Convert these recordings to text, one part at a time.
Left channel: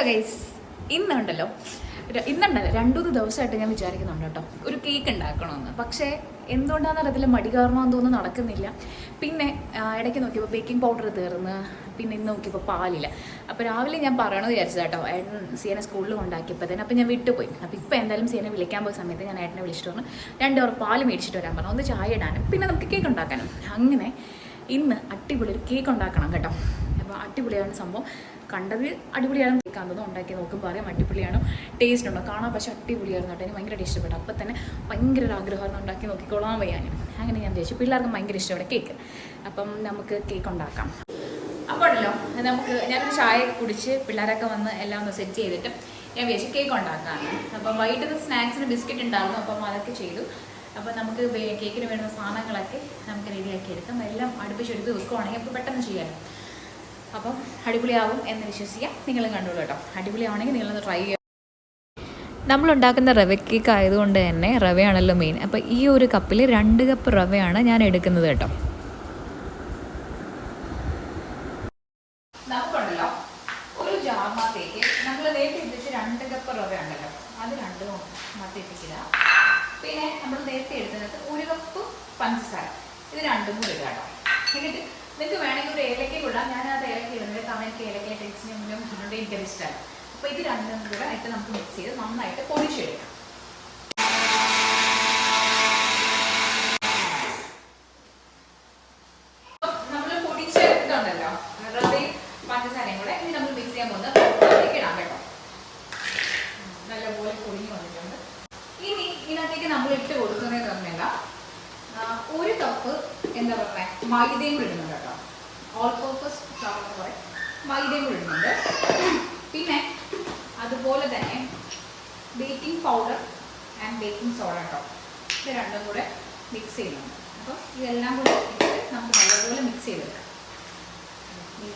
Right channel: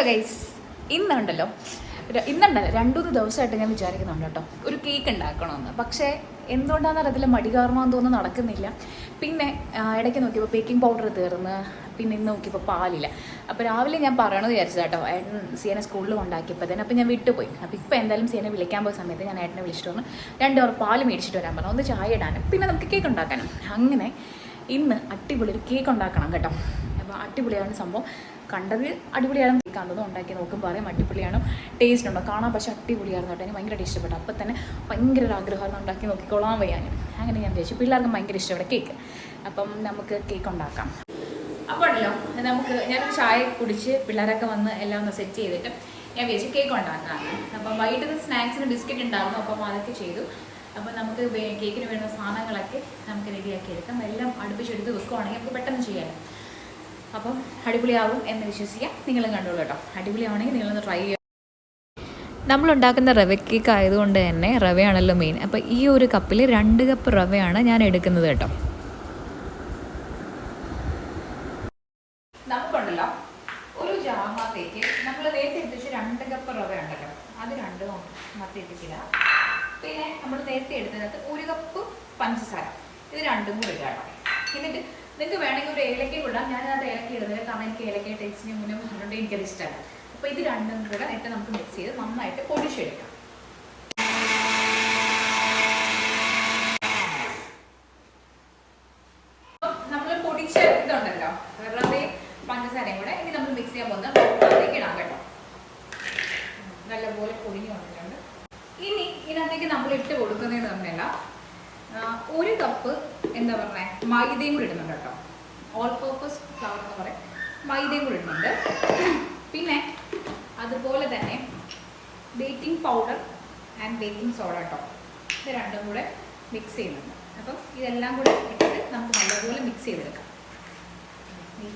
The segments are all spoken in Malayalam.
ഹലോ ഗൈസ്, ഇന്നുണ്ടല്ലോ 2-3 ദിവസമായിട്ട് ഞാൻ വിചാരിക്കുന്നുണ്ട് കേട്ടോ ഒരു കേക്ക് ഉണ്ടാക്കണമെന്ന്. പക്ഷേ എന്തുകൊണ്ടാണെന്ന് അറിയത്തില്ല, മടി കാരണമെന്ന് തോന്നുന്നു നടക്കുന്നില്ല. പിന്നെ ഇടയ്ക്ക് നോക്കിയപ്പോൾ ബേക്കിംഗ് പൗഡർ തീർന്ന്, പിന്നെ ഇന്ന് നോക്കിയപ്പോൾ പാലില്ല. അപ്പോൾ രാവിലെ ഞാൻ പറയണമെന്ന് വിചാരിച്ചത് കേട്ടോ, സിയനെ സ്കൂളിൽ കൊണ്ടാക്കിയപ്പോൾ തന്നെ. അപ്പോൾ ഞാൻ വിട്ടുപോയി. അപ്പോൾ ഇപ്പോൾ എന്തായാലും സിയനെ വിളിക്കാൻ പോയ സമയത്ത് ഞാൻ ഏട്ടനെ വിളിച്ചിട്ട് വന്നു 2 അവർ പാല് മേടിച്ചിട്ട് വരാൻ പറഞ്ഞു, ഒന്ന് ചായ ഇടാനും പിന്നെ നമുക്ക് കേക്ക് ഉണ്ടാക്കാനും. അങ്ങനെ ഇന്ന് അടിപൊളി ഒരു കേക്ക് ഉണ്ടാക്കണം കേട്ടോ. അപ്പോൾ അടിപൊളിയാണ് സംഭവം. കണ്ടത് അടിപൊളിയാണ്, കേൾക്കാവുന്നതും ഉണ്ടാക്കി നോക്കുമ്പോൾ അറിയാം അടിപൊളിയാണ്, ടേസ്റ്റ് ഉണ്ടോ കാണാൻ. പക്ഷേ അടിപൊളിയായിരുന്നു കേട്ടോ, എനിക്ക് ഭയങ്കര ഇഷ്ടപ്പെട്ടു. അപ്പോൾ തന്നെ ഭയങ്കര ഒരു ആഗ്രഹമായിരുന്നു ഉണ്ടാക്കി നോക്കിക്കോളാൻ വയ്യാനും. അങ്ങനെ ഞാൻ വിചാരിച്ചു പിള്ളേർക്കും ഭയങ്കര ഇഷ്ടപ്പെട്ട കേക്ക്. അപ്പം നമുക്ക് കേക്ക് ഉണ്ടാക്കാം. അപ്പോൾ ഉണ്ടല്ലോ ഞാനൊരു ചായ കുടിച്ച് പിള്ളേരൊക്കെ വന്ന് എല്ലാം ഒന്ന് സെറ്റ് ചെയ്തിട്ട് ഞാൻ വിചാരിച്ചു കേക്ക് ഉണ്ടാക്കാമെന്ന്. അപ്പം വൈകിട്ട് സ്നാക്സിന് ബിസ്ക്കറ്റ് ഉണ്ടായിരുന്നു, അപ്പം അതൊക്കെ ചെയ്തു. അപ്പം നമുക്ക് കേക്കിന് വേണ്ട സാധനങ്ങളൊക്കെ നമുക്ക് റെഡിയാക്കി എടുക്കാം. എല്ലാം അടുപ്പിച്ചെടുത്ത് വെക്കുവാണെങ്കിൽ നമുക്ക് പെട്ടെന്ന് ചെയ്യാമല്ലോ. അപ്പം അടിപൊളിയാവും എന്ന് വിശ്വസിക്കാം. നിങ്ങളും കണ്ടോളൂ കേട്ടോ. അടിപൊളിയാണെങ്കിൽ നിങ്ങളൊന്ന് ട്രൈ ചെയ്യാം. നമ്മളുണ്ടാക്കുന്ന റവ കേക്ക് ആയതുകൊണ്ട് തന്നെ റവയാണല്ലോ മെയിൻ. അപ്പോൾ ഈ ഒരു കപ്പിൽ 2 കപ്പ് റവയാണ് ഞാൻ എടുക്കുന്നത് കേട്ടോ. നമുക്കുണ്ടല്ലോ ഒരു ജാറിനകത്തേക്ക് നമ്മൾ നേരത്തെ എടുത്ത് 2 കപ്പ് റവ ഉണ്ടല്ലോ, അത് 2 മത്തിയിട്ടില്ല. പിന്നെ നമ്മൾ നേരത്തെ എടുത്തതിനകത്ത് 1 കപ്പ് പഞ്ചസാര, ഇത് 2 കൂടി ഇടുക കേട്ടോ. എന്നിട്ട് നിങ്ങൾക്ക് വേണമെങ്കിൽ ഒരു ഏലക്ക ഇടാം. ഞാനത് ഏലക്ക ഇടുന്നില്ല, കാരണം എനിക്ക് ഏലക്ക ടേസ്റ്റിന് മുന്നേ പറഞ്ഞുകൊണ്ട് എനിക്കത് ഇഷ്ടമല്ല. അപ്പോൾ ഇത് 2 കൂടെ ഇട്ട് നമുക്ക് മിക്സ് ചെയ്ത് നന്നായിട്ട് പൊടിച്ചെടുക്കാം. നമ്മൾ പൊടിച്ച ഇതുണ്ടല്ലോ റവയും പഞ്ചസാരയും കൂടെ ഇനി നമ്മൾ മിക്സ് ചെയ്യാൻ പോകുന്ന ബൗളിലേക്ക് ഇടാം കേട്ടോ. നല്ലപോലെ പൊടിഞ്ഞു വന്നിട്ടുണ്ട്. ഇനി ഇതിനകത്തേക്ക് നമ്മൾ ഇട്ട് കൊടുക്കുന്നതെന്ന് പറഞ്ഞാൽ 1 കപ്പ് എന്താ പറയുക മൈദയും കൂടി ഇടുന്നുണ്ട് കേട്ടോ. ഓൾ പർപ്പസ് ഫ്ലവർ എന്ന് പറയും, മൈദയും കൂടി ഇടുന്നുണ്ട്. പിന്നെ അതുപോലെ തന്നെ baking powder and baking soda കേട്ടോ, ഇത് 2 കൂടെ മിക്സ് ചെയ്യുന്നുണ്ട്. അപ്പം ഇതെല്ലാം കൂടെ ഇട്ടിട്ട് നമുക്ക് നല്ലതുപോലെ മിക്സ് ചെയ്തെടുക്കാം.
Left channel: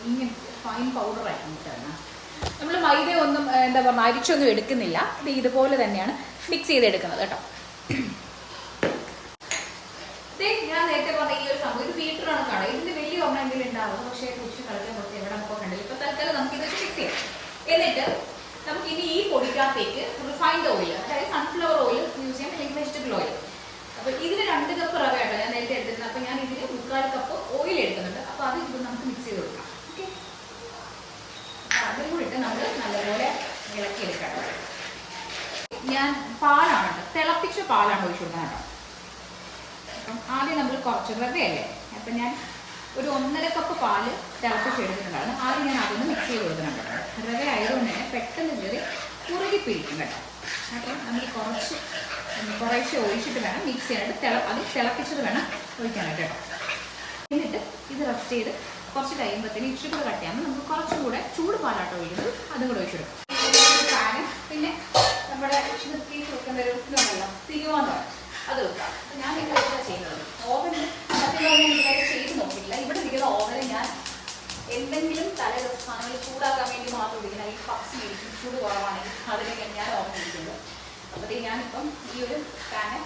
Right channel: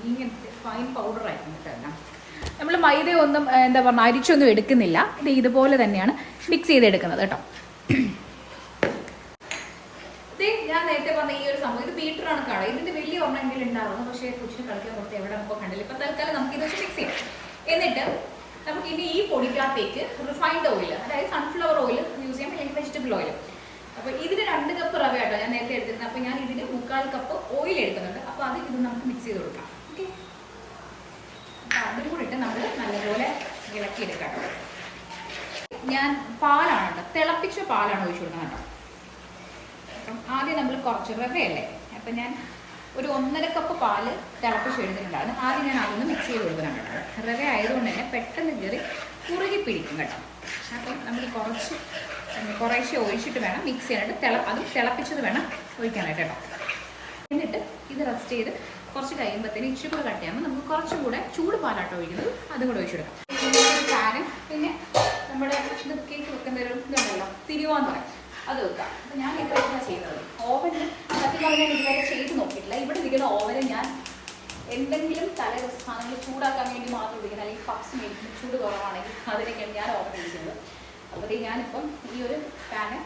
ഇങ്ങനത്തെ ഫൈൻ പൗഡർ ആയിരിക്കും കേട്ടോ. നമ്മൾ മൈദ ഒന്നും എന്താ പറയുക അരിച്ചൊന്നും എടുക്കുന്നില്ല, ഇത് ഇതുപോലെ തന്നെയാണ് മിക്സ് ചെയ്തെടുക്കുന്നത് കേട്ടോ. ഞാൻ നേരത്തെ പറഞ്ഞ ഈ ഒരു സംഭവം ഇത് ബീറ്ററാണ് കാണുക. ഇതിന്റെ വലിയ ഒരെണ്ണം എന്തെങ്കിലും ഉണ്ടാവുന്നു, പക്ഷേ കൊച്ചിന് കളിക്കാൻ കൊടുത്ത് എവിടെ നമുക്ക് കണ്ടില്ല. ഇപ്പൊ തൽക്കാലം നമുക്ക് ഇത് വെച്ച് മിക്സ് ചെയ്യാം. എന്നിട്ട് നമുക്ക് ഇനി ഈ പൊടിക്കകത്തേക്ക് റിഫൈൻഡ് ഓയിൽ, അതായത് സൺഫ്ലവർ ഓയിൽ യൂസ് ചെയ്യാം, അല്ലെങ്കിൽ വെജിറ്റബിൾ ഓയിൽ. അപ്പോൾ ഇതിന് 2 കപ്പ് റവ കേട്ടോ ഞാൻ നേരത്തെ എടുത്തിരുന്നത്. അപ്പോൾ ഞാൻ ഇതിന് 3/4 കപ്പ് ഓയിൽ എടുക്കുന്നുണ്ട്. അപ്പോൾ അത് ഇത് നമുക്ക് മിക്സ് ചെയ്ത് കൊടുക്കാം. ഓക്കെ, അപ്പോൾ അതിനും കൂടി ഇട്ട് നമ്മൾ നല്ലപോലെ ഇളക്കിയെടുക്കാം കേട്ടോ. ഞാൻ പാലാണ് കേട്ടോ, തിളപ്പിച്ച പാലാണ് ഒഴിച്ചു കൊടുക്കുന്നത് കേട്ടോ. അപ്പം ആദ്യം നമ്മൾ കുറച്ച് റവയല്ലേ, അപ്പം ഞാൻ ഒരു 1.5 കപ്പ് പാല് തിളപ്പിച്ചെടുത്തിട്ടുണ്ടായിരുന്നു. ആദ്യം ഞാൻ അതൊന്ന് മിക്സ് ചെയ്ത് കൊടുക്കുന്നുണ്ട് കേട്ടോ. റവ ആയതുകൊണ്ട് തന്നെ പെട്ടെന്ന് കയറി കുറുകി പിടിക്കും കേട്ടോ. അപ്പം നമ്മൾ കുറേശ്ശെ ഒഴിച്ചിട്ട് വേണം മിക്സ് ചെയ്യാനായിട്ട്. അത് തിളപ്പിച്ചത് വേണം ഒഴിക്കാനായിട്ട് കേട്ടോ. എന്നിട്ട് ഇത് റെസ്റ്റ് ചെയ്ത് കുറച്ച് കഴിയുമ്പോഴത്തേന് ഇച്ചിരി കൂടെ കട്ട് ചെയ്യാമ്പോൾ നമുക്ക് കുറച്ചും കൂടെ ചൂട് പാലാട്ടോ ഒഴിക്കുന്നത്, അതും കൂടെ ഒഴിച്ചെടുക്കാം. പാനും പിന്നെ നമ്മുടെ ഇത് കേക്ക് വെക്കുന്ന ഒരു ഇതുണ്ടല്ലോ തിരുവാന്ന് പറയും, അത് വെക്കാം. അപ്പം ഞാൻ ഇപ്പോൾ എന്താ ചെയ്യുന്നത്, ഓവനിൽ സത്യം പറഞ്ഞാൽ ഇതുവരെ ചെയ്ത് നോക്കിയിട്ടില്ല. ഇവിടെ ഇരിക്കുന്ന ഓവനിൽ ഞാൻ എന്തെങ്കിലും തലേദിവസം സാധനങ്ങൾ ചൂടാക്കാൻ വേണ്ടി മാത്രം ഇരിക്കുന്നത്. ഈ പപ്സ് മേടിക്കും ചൂട് കുറവാണെങ്കിൽ അതിനൊക്കെയാണ് ഞാൻ ഓവൻ ഇരിക്കുന്നത്. അപ്പോൾ ഞാനിപ്പം ഈ ഒരു പാന്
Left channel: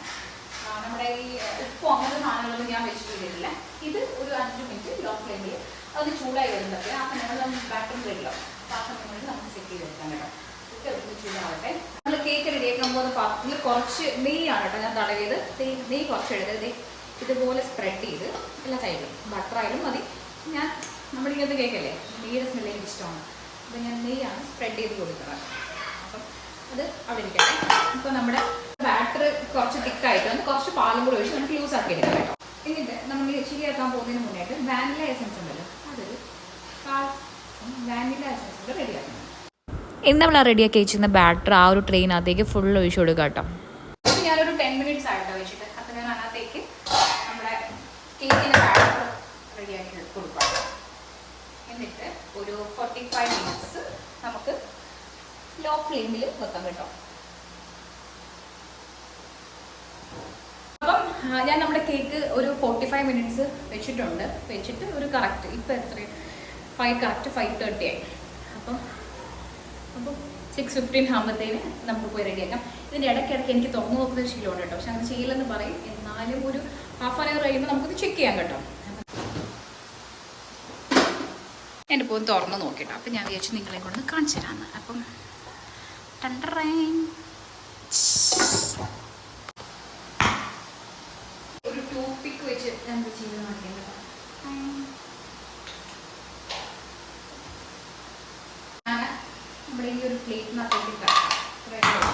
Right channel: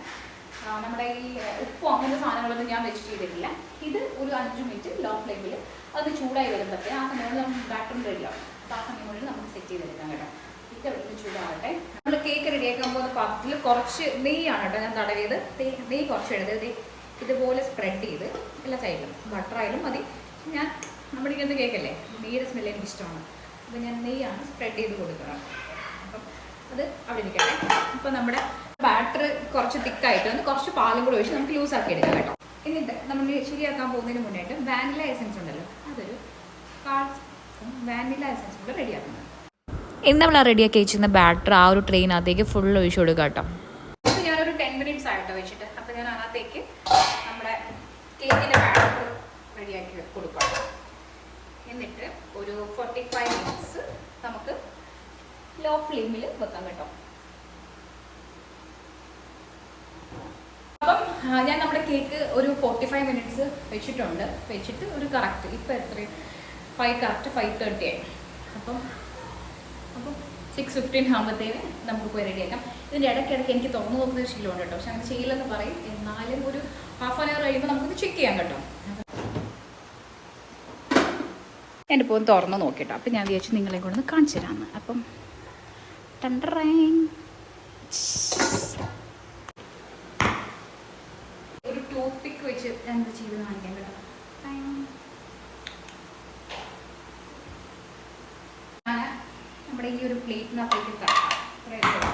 നമ്മുടെ ഈ ഉപ്പോ അങ്ങനത്തെ സാധനങ്ങളൊന്നും ഞാൻ വെച്ച് ചെയ്തിട്ടില്ല. ഇത് ഒരു 5 മിനിറ്റ് ലോ ഫ്ലെയിമിൽ അത് ചൂടായി വരുമ്പോഴത്തേ ആ സമയങ്ങളിൽ നമുക്ക് ബാറ്ററി റെഡിയാവും. അപ്പോൾ ആ സമയങ്ങളിൽ നമുക്ക് സെറ്റ് ചെയ്തെടുക്കാം കേട്ടോ. ഇതൊക്കെ ചൂടാവട്ടെ. നമ്മൾ കേക്ക് റെഡിയാക്കാൻ പോകുന്ന പാത്രത്തിൽ കുറച്ച് നെയ്യാണ് കേട്ടോ ഞാൻ തടവിയത്. നെയ്യ് കുറച്ച് എടുത്ത് ഇതുപോലെ സ്പ്രെഡ് ചെയ്ത് എല്ലാ സൈഡിലും ബട്ടറായാലും മതി. ഞാൻ നമ്മളിങ്ങനെ കേക്കല്ലേ, നെയ്യുടെ സ്മെല്ല് എനിക്ക് ഇഷ്ടമാണ്. അപ്പോൾ ഞാൻ നെയ്യാണ് സ്പ്രെഡ് ചെയ്ത് കൊടുക്കുന്നത്. അപ്പം അത് അവിടെ ഇരിക്കട്ടെ. അപ്പോൾ നമ്മുടെ ബാറ്റർ കുറച്ച് തിക്കായിട്ട് വന്ന് കുറച്ച് പാലും കൂടെ ഒഴിച്ച് നമുക്ക് ലൂസ് ആക്കി എടുക്കാം കേട്ടോ. എന്നിട്ട് നമ്മൾ ശരിയാക്കാൻ പോകുന്നതിന് മുന്നായിട്ട് വാനില എസൻസ് ഉണ്ടല്ലോ, അതൊരു 1/4 വാനില എസൻസ് കൂടെ റെഡിയാക്കണം. ഇന്ന് നമ്മൾ റെഡിയാക്കി വെച്ചിരുന്ന ബാറ്റർ ആ ഒരു ട്രെയിനകത്തേക്ക് ഫുൾ ഒഴിച്ചു കൊടുക്കുക കേട്ടോ. അപ്പോൾ ഞാനൊരു 10 മിനിറ്റ്സ് ആയിട്ടോ വെച്ചിട്ട്. അപ്പോൾ ഞാൻ അതിനകത്തേക്ക് നമ്മുടെ കേക്കിൻ്റെ ബാറ്റർ റെഡിയാക്കി കൊടുക്കാം. എന്നിട്ട് ഒരു 45 മിനിറ്റ്സ് നമുക്ക് ലോ ഫ്ലെയിമിൽ വെക്കാം കേട്ടോ. അപ്പം ഞാൻ നമ്മുടെ കേക്ക് ഒരു 45 മിനിറ്റ്സ് വെച്ചിട്ടുണ്ട്. വെച്ചിട്ട് ഒരു കറക്റ്റ് ഇപ്പോൾ എത്ര 5:30 ആയി. അപ്പം 6:15 ആകുമ്പോഴത്തേന് നമുക്ക് പോയി റെഡിയാക്കാം. ഇതിൻ്റെ ഇടയ്ക്കിടയ്ക്ക് എനിക്ക് തുറന്നു നോക്കുന്ന ശീലമുണ്ട് കേട്ടോ, പക്ഷെ അങ്ങനെ ചെയ്യില്ലെന്ന് പറയും. എന്നാലും ഒരു ½ hour കഴിയുമ്പോൾ നമുക്കിത് ചെക്ക് ചെയ്യാം കേട്ടോ. ഞാനിപ്പോൾ ഒന്ന് തുറന്ന് നോക്കിട്ടോ. അപ്പം ഞാൻ വിചാരിച്ചു നിങ്ങളെ കൊണ്ടൊന്ന് കാണിച്ചു തരാമെന്ന്. അപ്പം ടണ്ടറൈൻ ഒരു ടൂത്ത് പിക്ക് വെച്ച് എന്താ ചെയ്ത് കാണിക്കാം കേട്ടോ. നമ്മുടെ ഈ ഒരു പ്ലേറ്റിനകത്തേക്ക് കിടക്കാം.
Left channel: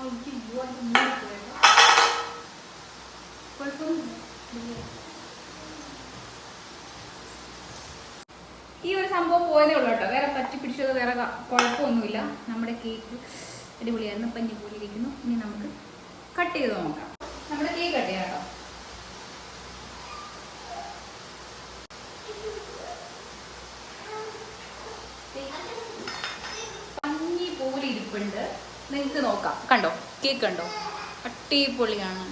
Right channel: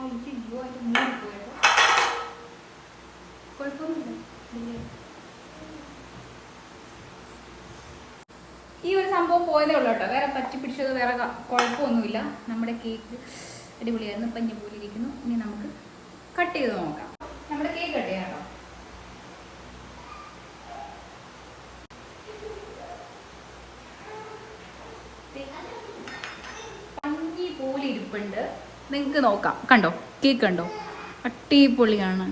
അയ്യോ അതിൻ്റെ മൂടി പോയല്ലോ. കുഴപ്പമൊന്നുമില്ല. ഈ ഒരു സംഭവം പോയതേ ഉള്ളൂ കേട്ടോ. വേറെ പറ്റി പിടിച്ചത് വേറെ കുഴപ്പമൊന്നുമില്ല. നമ്മുടെ കേക്ക് അടിപൊളിയായിരുന്നു. പഞ്ഞി പോലെ ഇരിക്കുന്നു. ഇനി നമുക്ക് കട്ട് ചെയ്ത് നോക്കാം. നമ്മുടെ കേക്ക് കട്ട് ചെയ്യാം കേട്ടോ. പഞ്ഞി പോലെ ഇരിപ്പുണ്ട്. നിങ്ങൾക്ക് നോക്കാം. കണ്ടോ കേക്ക് കണ്ടോ? അടിപൊളിയാണ്.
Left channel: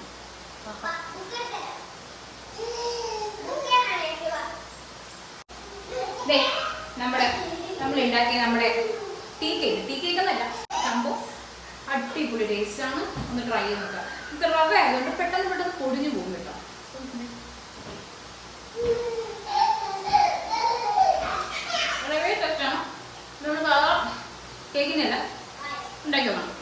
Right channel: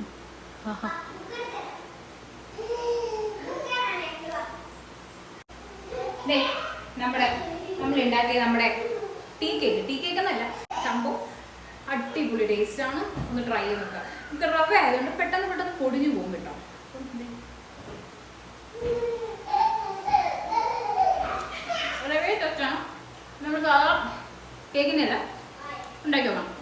നമ്മൾ ഉണ്ടാക്കിയ നമ്മുടെ ടീ കേക്ക് എന്നല്ല സംഭവം അടിപൊളി ടേസ്റ്റാണ്. ഒന്ന് ട്രൈ ചെയ്ത് നോക്കാം. നമുക്ക് റവ ആയതുകൊണ്ട് പെട്ടെന്ന് പൊടിഞ്ഞു പോകും കേട്ടോ. റവ ടേസ്റ്റാണ്. നമ്മൾ സാധാ കേക്കിനല്ല ഉണ്ടാക്കി നോക്കാം.